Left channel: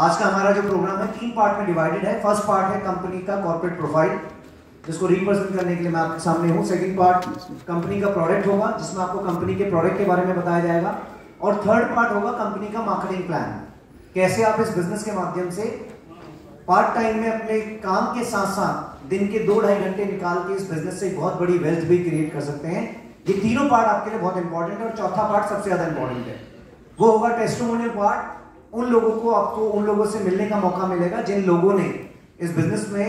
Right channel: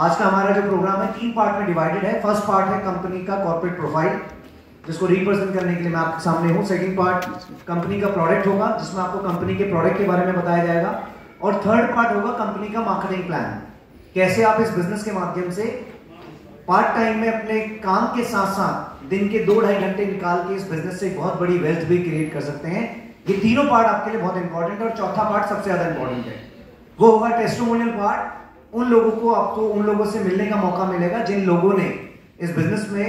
आज का हमारा जो प्रोग्राम है 3 पार्ट में डिवाइडेड है। फर्स्ट पार्ट है कंपनी का कॉर्पोरेट प्रोफाइल, जिसको रिप्रेजेंट करने के लिए मैं आपके सामने हूँ। सेकंड पार्ट कंपनी का प्रोडक्ट होगा, जिसमें आपको कंपनी के प्रोडक्ट के बारे में बताया जाएगा। और थर्ड पार्ट होगा कंपनी का मार्केटिंग प्लान, कैसे आप इस बिजनेस के माध्यम से पार्ट टाइम में अपने काम के साथ साथ दिन के 2-2.5 घंटे निकाल के इस बिजनेस से बहुत बड़ी वेल्थ भी क्रिएट कर सकते हैं। ये तीनों पार्ट आपके लिए बहुत इंपॉर्टेंट है। और चौथा पार्ट सबसे ज्यादा इंपॉर्टेंट है, वो होगा टेस्टिमोनियल पार्ट। उन लोगों को आपको उन लोगों से मिलने का मौका मिलेगा जिन लोगों ने इस बिजनेस में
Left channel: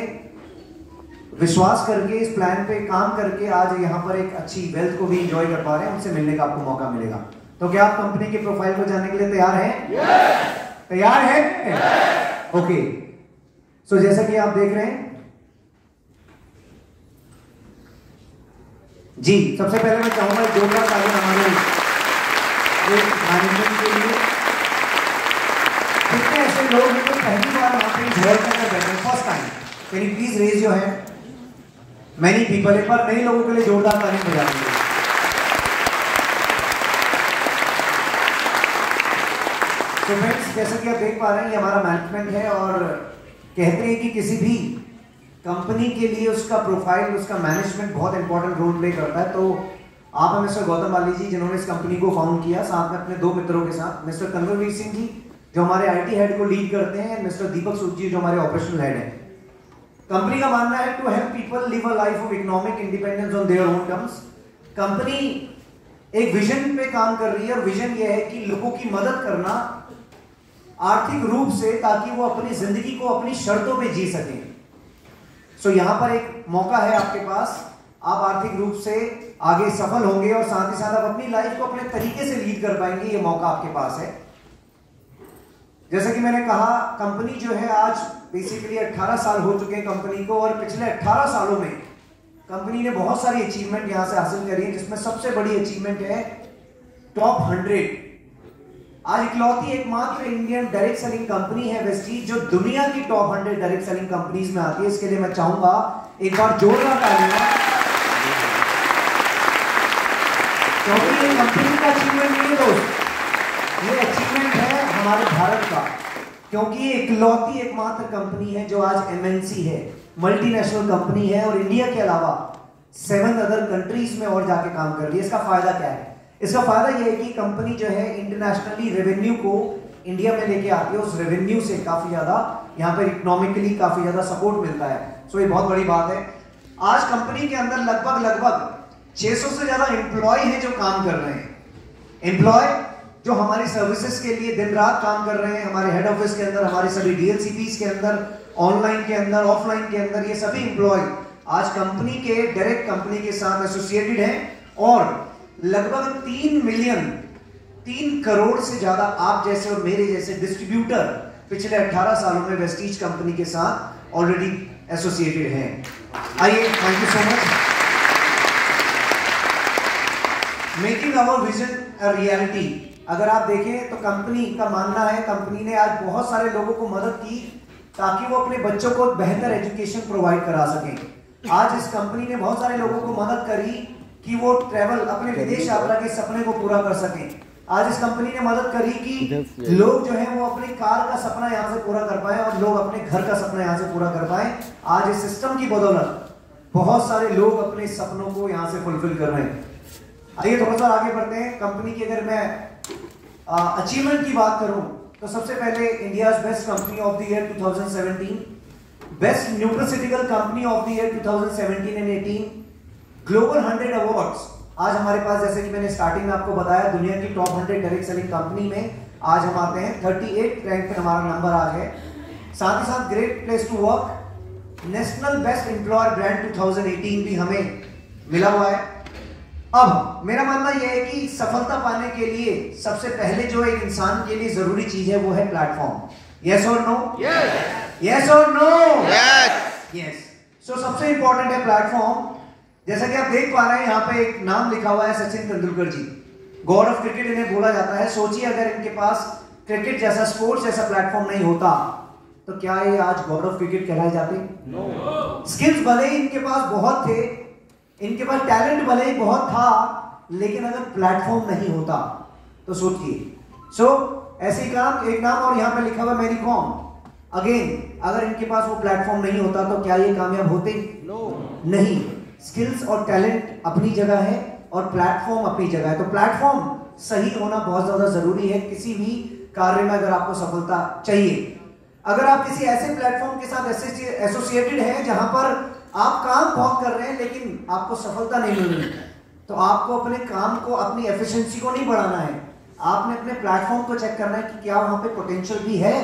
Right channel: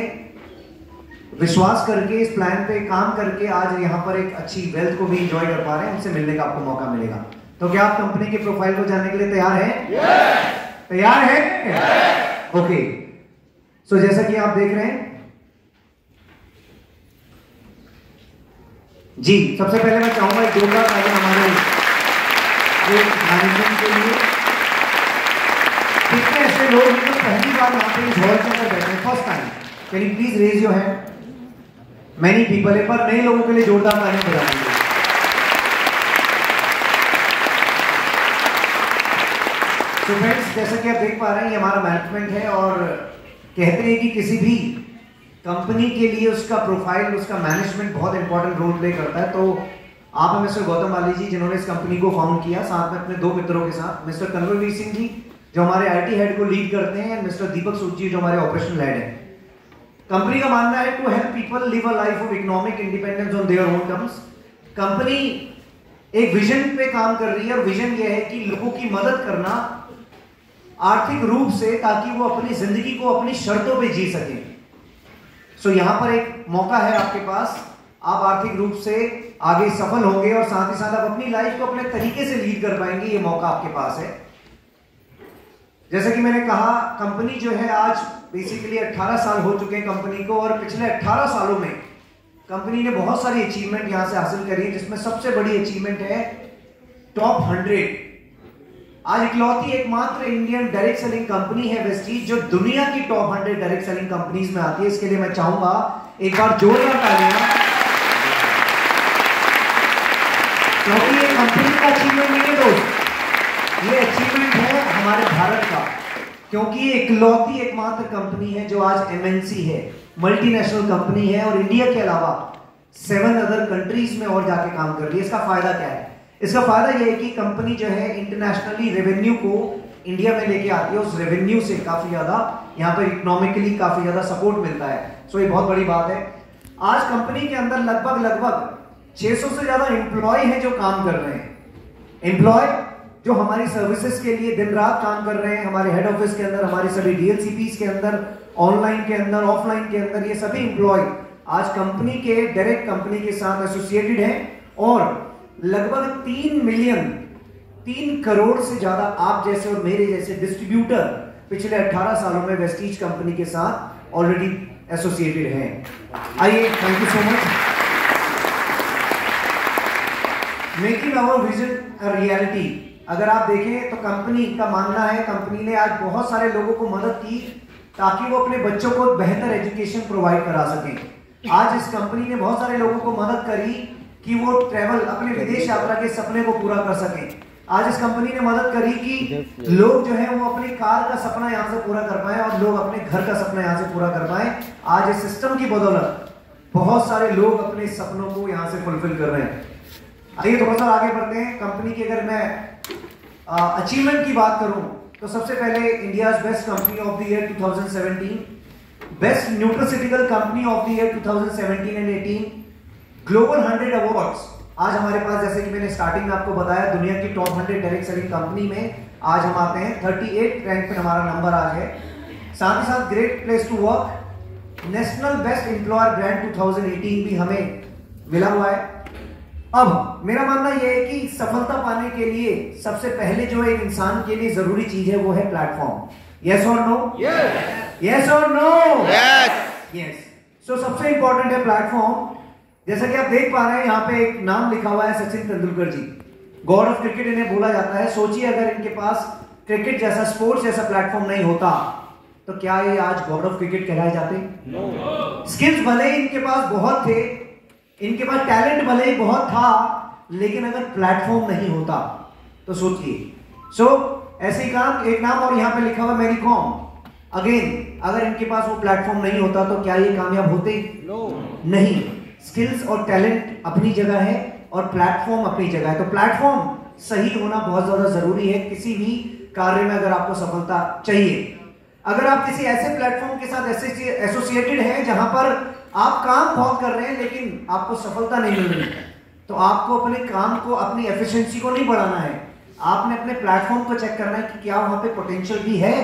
विश्वास करके, इस प्लान पे काम करके आज यहाँ पर एक अच्छी वेल्थ को भी एंजॉय कर पा रहे हैं। उनसे मिलने का आपको मौका मिलेगा। तो क्या आप कंपनी के प्रोफाइल को जानने के लिए तैयार हैं? तैयार हैं? ओके। सो जैसा कि आप देख रहे हैं जी, सबसे पहले मैं चाहूंगा जोरदार तालियां हमारे मैनेजमेंट के लिए। कितने ऐसे लोग हैं जो पहली बार यहाँ पे इस हॉल के अंदर बैठे हैं, first time? Can you please raise your hand? Many people. एक बार नए लोगों के लिए जोरदार तालियां बजा दीजिए। तो फ्रेंड्स, जैसा कि आप देख पा रहे हैं, ये हमारा मैनेजमेंट है और कहते हैं कि किसी भी कंपनी के लिए उसका प्रोफाइल, उसका मैनेजमेंट बहुत इंपॉर्टेंट रोल प्ले करता है। तो आप हैं मिस्टर गौतम बाली जी, जिन्होंने इस कंपनी को फाउंड किया, साथ में अपने 2 मित्रों के साथ, मिस्टर कन्वरवीर सिंह जी जो हमारे आईटी हेड को लीड करते हैं, और मिस्टर दीपक सूद जी जो हमारे ऑपरेशनल हेड हैं। कंपनी का मानना है to help people live a life of economic independence on their own terms. Company एक विजन पे काम कर रही है और विजन ये है कि लोगों की मदद करना आर्थिक रूप से, ताकि वो अपनी जिंदगी को अपनी शर्तों पे जी सकें। सो यहां पर एक मौका है आपके पास, आप आर्थिक रूप से आगे सफल होंगे और साथ ही साथ आप अपनी लाइफ को अपने तरीके से लीड कर पाएंगे। ये मौका आपके पास है। जैसे कि मैंने कहा, कंपनी जो है आज बेसिकली 18 साल हो चुके हैं कंपनी को, और पिछले 18 सालों में कंपनी ने बहुत सारी अचीवमेंट यहां से हासिल करी है, जिसमें सबसे बड़ी अचीवमेंट है टॉप 100। आज इकलौती एकमात्र इंडियन डायरेक्ट सेलिंग कंपनी है वेस्टीज जो दुनिया की टॉप 100 डायरेक्ट सेलिंग कंपनीज में आती है। इसके लिए मैं चाहूंगा एक बार जोरदार तालियां, क्योंकि ये कंपनी का अचीवमेंट नहीं है दोस्त, ये अचीवमेंट है हमारे भारत का, क्योंकि ये इकलौती एकमात्र कंपनी है जो आज एमएनसी है, मल्टीनेशनल कंपनी है, और इंडिया के अलावा 7 अदर कंट्रीज में और जाके काम कर रही है। इसका फायदा क्या है? इसका फायदा यह है कि कंपनी जो है इंटरनेशनली रेवेन्यू को इंडिया में लेके आती है। उस रेवेन्यू से काफी ज्यादा यहाँ पर इकोनॉमिकली काफी ज्यादा सपोर्ट मिलता है। सो ये बहुत बड़ी बात है। आज कंपनी के अंदर लगभग 600 से ज्यादा एम्प्लॉय हैं जो काम कर रहे हैं। एम्प्लॉय जो हमारी सर्विसेज के लिए दिन रात काम कर रहे हैं, हमारे हेड ऑफिस के अंदर, हमारे सभी डीएलसीपीज के अंदर, ऑनलाइन के अंदर, ऑफलाइन के अंदर, ये सभी एम्प्लॉय आज कंपनी के डायरेक्ट कंपनी के साथ एसोसिएटेड हैं। और लगभग 3 करोड़ से ज्यादा आप जैसे और मेरे जैसे डिस्ट्रीब्यूटर पिछले 18 सालों में वेस्टीज कंपनी के साथ ऑलरेडी एसोसिएटेड हैं। आइए, thank you so much. Making our vision a reality. अगर आप देखें तो कंपनी का मानना है, कंपनी ने आज बहुत सारे लोगों को मदद की ताकि वो अपने बच्चों को बेहतर एजुकेशन प्रोवाइड करा सकें। आज इस कंपनी ने बहुत सारे लोगों को मदद करी कि वो ट्रैवल, अपने विदेश यात्रा के सपने को पूरा कर सकें। आज इस कंपनी ने मदद करी कि लोग जो है वो अपनी कार का सपना यहाँ से पूरा कर पाए और लोग अपने घर का सपना यहाँ से पूरा कर पाए। आज इस सिस्टम की बदौलत बहुत सारे लोग अपने सपनों को यहाँ से फुलफिल कर रहे हैं। आइए थोड़ा सा आगे बढ़ते हैं। कंपनी की अगर मैं अचीवमेंट की बात करूं तो सबसे पहले India's best company of the year 2017, best nutraceutical company of the year 2017 and 18, global 100 awards. आज हमारे पास, जैसे कि मैंने स्टार्टिंग में आपको बताया, दुनिया की टॉप 100 डायरेक्ट सेलिंग कंपनी में आज हम आते हैं। 38 रैंक पर हमारा नंबर आ गया। साथ ही साथ great place to work, national best employer brand 2018 भी हमें मिला हुआ है। अब मेरा मानना यह है कि सफलता पाने के लिए सबसे पहले जो एक इंसान के लिए जरूरी चीज है वो है प्लेटफॉर्म। यस और नो? यस और नो? यस। सो सबसे इंपॉर्टेंट है प्लेटफॉर्म। जैसा कि आप देख पा रहे हैं, यहाँ पे एक नाम लिखा हुआ है, सचिन तेंदुलकर जी, गॉड ऑफ क्रिकेट इन्हें बोला जाता है। सोचिए अगर इनके पास क्रिकेट जैसा, स्पोर्ट्स जैसा प्लेटफॉर्म नहीं होता तो क्या ये आज गॉड ऑफ क्रिकेट कहलाए जाते? स्किल्स भले ही इनके पास बहुत थे, इनके पास टैलेंट भले ही बहुत था, लेकिन अगर प्लेटफॉर्म नहीं होता तो सोचिए। सो ऐसे ही काम एक नाम और यहाँ पे लिखा हुआ मेरी कॉम। अगेन अगर इनके पास वो प्लेटफॉर्म नहीं होता तो क्या ये कामयाब होते? नहीं। स्किल्स और टैलेंट अपनी जगह है और प्लेटफॉर्म अपनी जगह है। तो प्लेटफॉर्म सही होना बहुत ज्यादा जरूरी है किसी भी कार्य में अगर आपको सफलता चाहिए। अगर आप किसी ऐसे प्लेटफॉर्म के साथ एसोसिएटेड हैं जहां पर आप काम बहुत कर रहे हैं लेकिन आपको सफलता नहीं मिल रही, तो आपको अपने काम को, अपनी एफिशिएंसी को नहीं बढ़ाना है। आपने अपने प्लेटफॉर्म को चेक करना है कि क्या वहां पे पोटेंशियल भी है,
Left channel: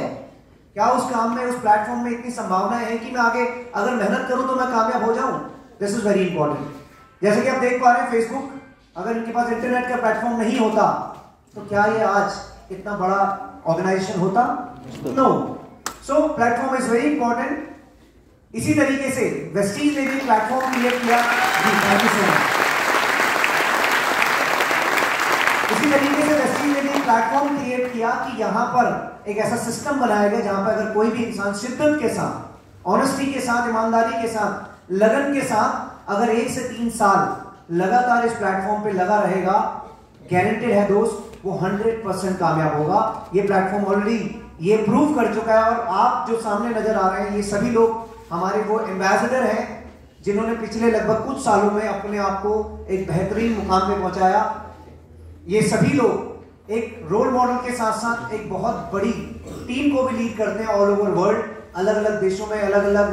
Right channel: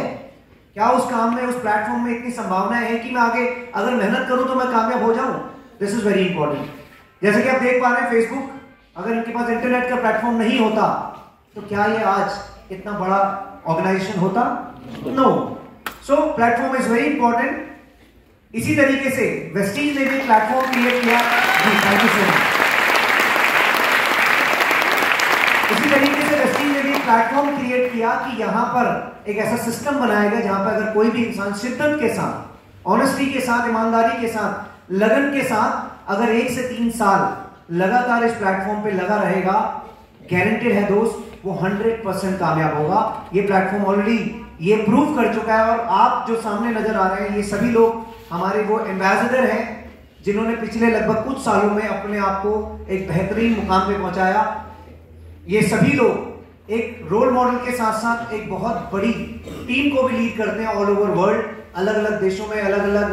क्या उस काम में, उस प्लेटफॉर्म में इतनी संभावनाएं हैं कि मैं आगे अगर मेहनत करूं तो मैं कामयाब हो जाऊं। This is very important. जैसे कि आप देख पा रहे हैं फेसबुक, अगर इनके पास इंटरनेट का प्लेटफॉर्म नहीं होता तो क्या ये आज इतना बड़ा ऑर्गेनाइजेशन होता? No. So platform is very important. इसी तरीके से वेस्टीज ने भी प्लेटफॉर्म क्रिएट किया। Thank you so much. इसी तरीके से वेस्टीज ने भी प्लेटफॉर्म क्रिएट किया कि यहां पर एक ऐसा सिस्टम बनाया गया जहां पर अगर कोई भी इंसान शिद्दत के साथ, ऑनेस्टी के साथ, ईमानदारी के साथ, लगन के साथ अगर 1 से 3 साल लगातार इस प्लेटफॉर्म पे लगा रहेगा, गारंटेड है दोस्त, वो 100% कामयाब होगा। ये प्लेटफॉर्म ऑलरेडी ये प्रूव कर चुका है। और आप जो सामने नजर आ रहे हैं ये सभी लोग हमारे वो एम्बेसडर हैं जिन्होंने पिछले लगभग कुछ सालों में अपने आप को एक बेहतरीन मुकाम पे पहुंचाया। ये सभी लोग एक रोल मॉडल के साथ साथ एक बहुत बड़ी टीम को भी लीड करते हैं ऑल ओवर वर्ल्ड। अलग अलग देशों में, अलग अलग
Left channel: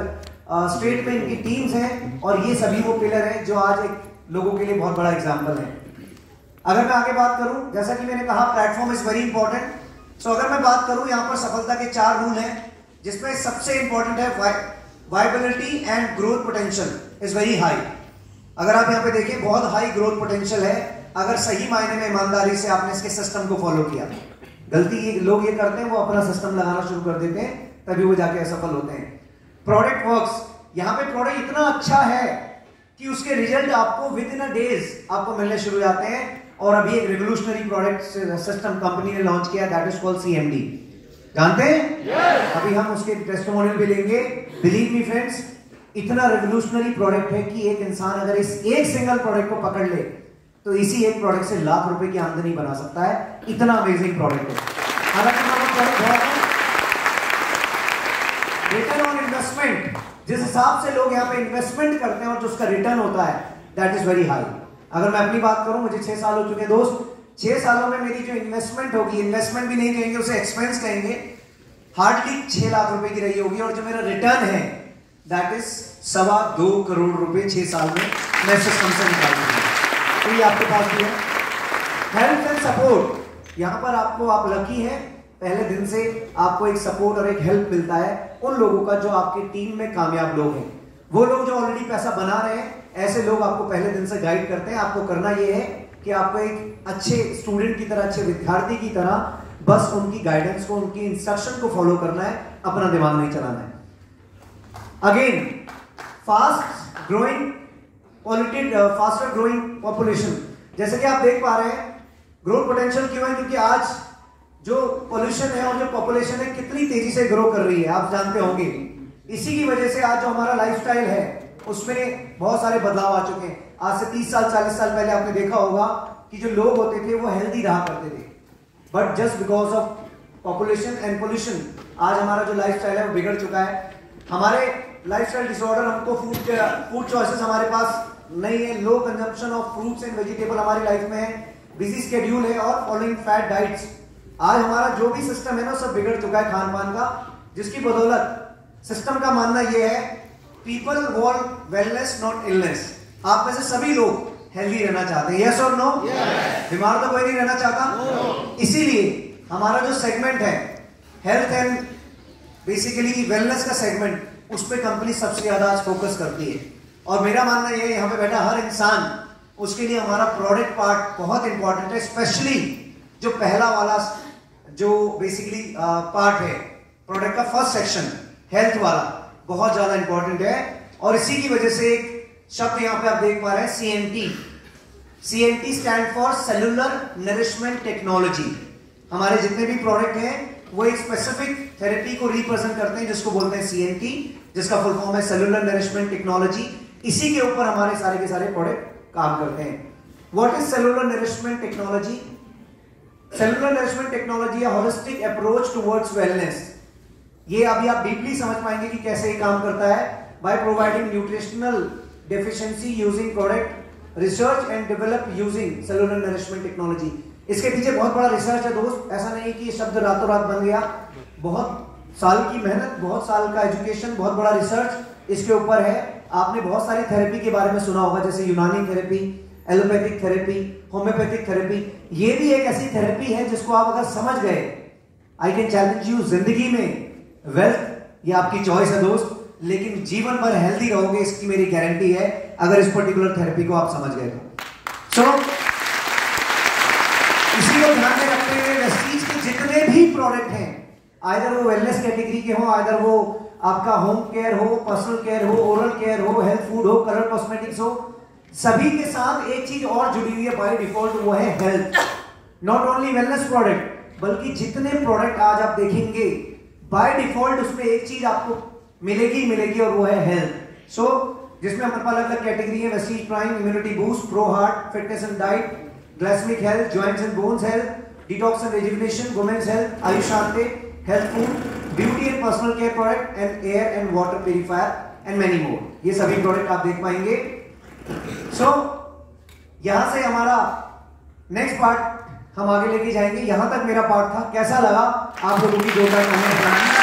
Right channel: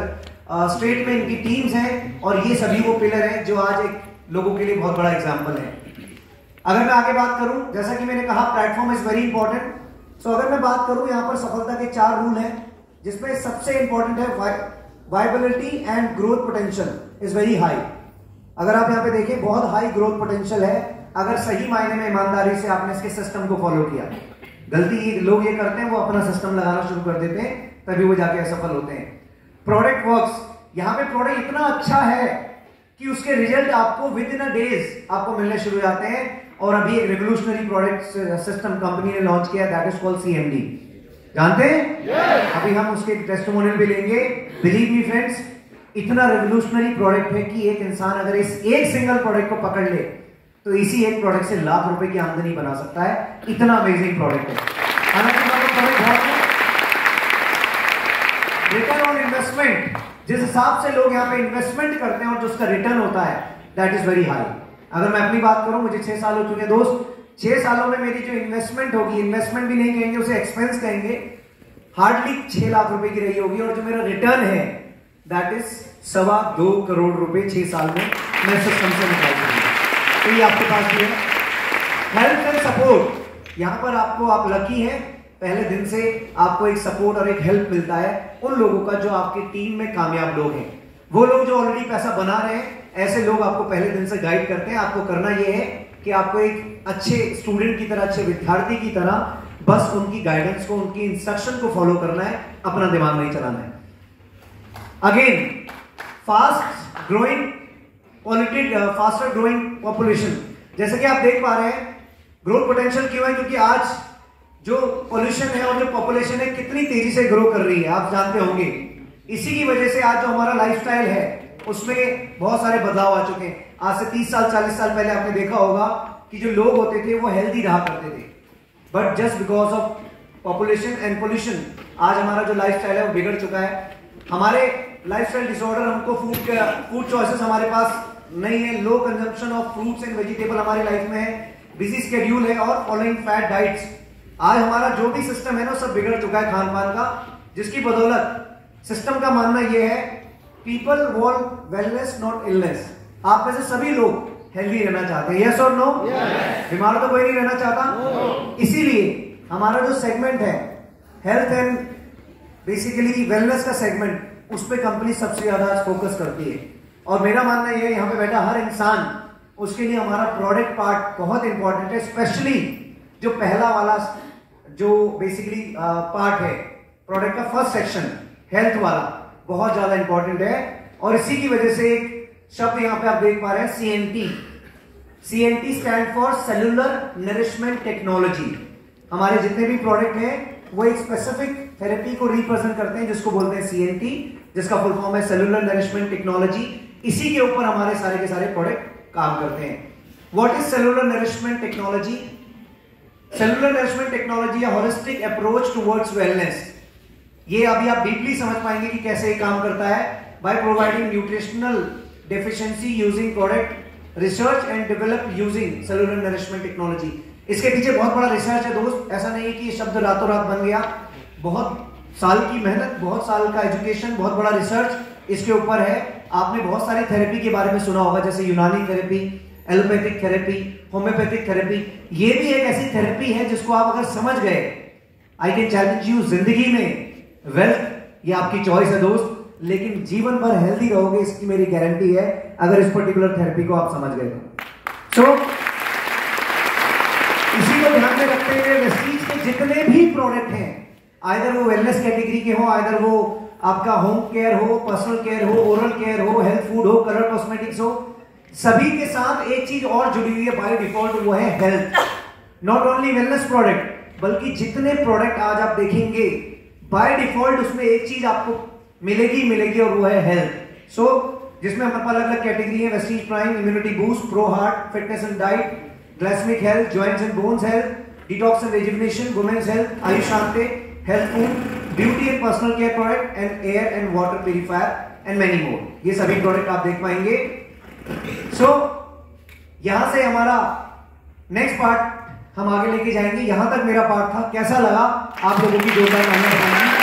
स्टेट में इनकी टीम्स हैं और ये सभी वो पिलर हैं जो आज एक लोगों के लिए बहुत बड़ा एग्जाम्पल है। अगर मैं आगे बात करूं, जैसा कि मैंने कहा प्लेटफॉर्म इज वेरी इंपॉर्टेंट। सो अगर मैं बात करूं, यहां पर सफलता के 4 रूल हैं जिसमें सबसे इंपॉर्टेंट है viability and growth potential is very high. अगर आप यहां पे देखें, बहुत हाई ग्रोथ पोटेंशियल है अगर सही मायने में ईमानदारी से आपने इसके सिस्टम को फॉलो किया। गलती लोग ये करते हैं, वो अपना सिस्टम लगाना शुरू कर देते हैं, तभी वो जाके असफल होते हैं। प्रोडक्ट वर्क्स, यहां पे प्रोडक्ट इतना अच्छा है कि उसके रिजल्ट आपको विद इन अ डेज आपको मिलने शुरू हो जाते हैं। और अभी एक रिवोल्यूशनरी प्रोडक्ट सिस्टम कंपनी ने लॉन्च किया, दैट इज कॉल्ड सीएमडी। जानते हैं? yes. अभी हम उसके टेस्टिमोनियल भी लेंगे। बिलीव मी फ्रेंड्स, इतना रिवोल्यूशनरी प्रोडक्ट है कि एक इंसान अगर इस एक सिंगल प्रोडक्ट को पकड़ ले तो इसी एक प्रोडक्ट से लाख रुपए की आमदनी बना सकता है। इतना अमेजिंग प्रोडक्ट है। हालांकि रिटर्न ऑन इन्वेस्टमेंट, जिस हिसाब से लोग यहाँ पे इन्वेस्टमेंट करते हैं और जो उसका रिटर्न होता है, दैट इज वेरी हाई। अगर मैं अपनी बात करूं, मुझे 6 साल हो चुके दोस्त। 6 सालों में मेरी जो इन्वेस्टमेंट होगी, इन्वेस्टमेंट भी नहीं कहेंगे उसे, एक्सपेंस कहेंगे, हार्डली 6 लाख रुपए की रही होगी। और जो मेरा रिटर्न है दैट इज 2.25 करोड़ रुपए 6 साल में मैं सिस्टम से निकाल दूंगा। तो ये आपके पास भी है। हेल्प एंड सपोर्ट, यहां पर आपको, आप लकी हैं, पहले दिन से आपको एक सपोर्ट और एक हेल्प मिलता है उन लोगों का जो आपकी टीम में कामयाब लोग हैं। वो लोग जो ऑलरेडी पैसा बना रहे हैं, ऐसे लोग आपको पहले दिन से गाइड करते हैं। आपको करना यह है कि आपको एक अच्छे स्टूडेंट की तरह, अच्छे विद्यार्थी की तरह बस उनकी गाइडेंस को, उनकी इंस्ट्रक्शन को फॉलो करना है, अपना दिमाग नहीं चलाना है। Again, fast growing faster growing population, जैसे कि आप देख पा रहे हैं ग्रोथ पोटेंशियल क्यों है, क्योंकि आज जो पॉल्यूशन है और जो पॉपुलेशन है कितनी तेजी से ग्रो कर रही है, आप जानते होंगे। इसी की वजह से आज जो हमारा लाइफस्टाइल है उसमें बहुत सारे बदलाव आ चुके हैं। आज से 30 साल 40 साल पहले आपने देखा होगा कि जो लोग होते थे वो हेल्दी रहा करते थे, but just because of population and pollution आज हमारा जो लाइफस्टाइल है वो बिगड़ चुका है। हमारे लाइफस्टाइल डिसऑर्डर, हमको फूड चॉइसेस हमारे पास नहीं है, low consumption of fruits and vegetable हमारी लाइफ में है, बिजी शेड्यूल है और फॉलोइंग फैट डाइट्स। आज हमारा जो भी सिस्टम है ना सब बिगड़ चुका है खान पान का, जिसकी बदौलत सिस्टम का मानना यह है people want wellness not illness. आप में से सभी लोग हेल्दी रहना चाहते हैं, यस और नो? बीमार तो कोई नहीं रहना चाहता। इसीलिए हमारा जो सेगमेंट है हेल्थ एंड बेसिकली वेलनेस का सेगमेंट, उस पर कंपनी सबसे ज्यादा आज फोकस करती है। और मेरा मानना यह है यहाँ पे बैठा हर इंसान, उसके लिए हमारा प्रोडक्ट पार्ट बहुत इंपॉर्टेंट है। स्पेशली जो पहला वाला जो बेसिकली पार्ट है प्रोडक्ट का, फर्स्ट सेक्शन हेल्थ वाला, बहुत ज्यादा इंपॉर्टेंट है। और इसी की वजह से एक शब्द यहां पे आप देख पा रहे हैं, CNT. CNT stand for cellular nourishment technology. हमारे जितने भी प्रोडक्ट हैं वो एक स्पेसिफिक थेरेपी को रिप्रेजेंट करते हैं जिसको बोलते हैं सीएनटी, जिसका फुल फॉर्म है सेलुलर नरिशमेंट टेक्नोलॉजी। इसी के ऊपर हमारे सारे के सारे प्रोडक्ट काम करते हैं। What is cellular nourishment technology? Cellular nourishment technology या होलिस्टिक अप्रोच टुवर्ड्स वेलनेस, ये अभी आप डीपली समझ पाएंगे कि कैसे ये काम करता है। By providing nutritional deficiency using product research and develop using cellular nourishment technology. इसके पीछे बहुत बड़ा रिसर्च है दोस्त, ऐसा नहीं है कि ये शब्द रातों रात बन गया। बहुत साल की मेहनत, बहुत साल का एजुकेशन, बहुत बड़ा रिसर्च इसके ऊपर है। आपने बहुत सारी थेरेपी के बारे में सुना होगा, जैसे यूनानी therapy, allopathic therapy, homeopathic therapy. ये भी एक ऐसी थेरेपी है जिसको आप अगर समझ गए, आई कैन चैलेंज यू, जिंदगी में वेल्थ ये आपकी चॉइस है दोस्त, लेकिन जीवन भर हेल्दी रहोगे, इसकी मेरी गारंटी है, अगर इस पर्टिकुलर थेरेपी को आप समझ गए तो। इसी को ध्यान में रखते हुए वेस्टीज के जितने भी प्रोडक्ट हैं, आइदर वो वेलनेस कैटेगरी के हो, आइदर वो आपका होम केयर हो, पर्सनल केयर हो, ओरल केयर हो, हेल्थ फूड हो, कलर कॉस्मेटिक्स हो, सभी के साथ एक चीज और जुड़ी हुई है बाय डिफॉल्ट, वो है health. Not only wellness product, बल्कि जितने प्रोडक्ट आज आप देखेंगे बाय डिफॉल्ट उसमें एक चीज आपको मिलेगी और वो है हेल्थ। सो जिसमें हमारे पास अलग अलग कैटेगरी है, Vestige prime, immunity boost, pro heart, fitness and diet, glycaemic health, joints and bones health, detox and rejuvenation, women's health, Ayushante, health food, beauty and personal care product and air and water purifier and many more, ये सभी product आप देख पाएंगे। सो यहां से हमारा next part हम आगे लेके जाएंगे। यहां तक मेरा पार्ट था, कैसा लगा आप लोगों की जोरदार मेहनत।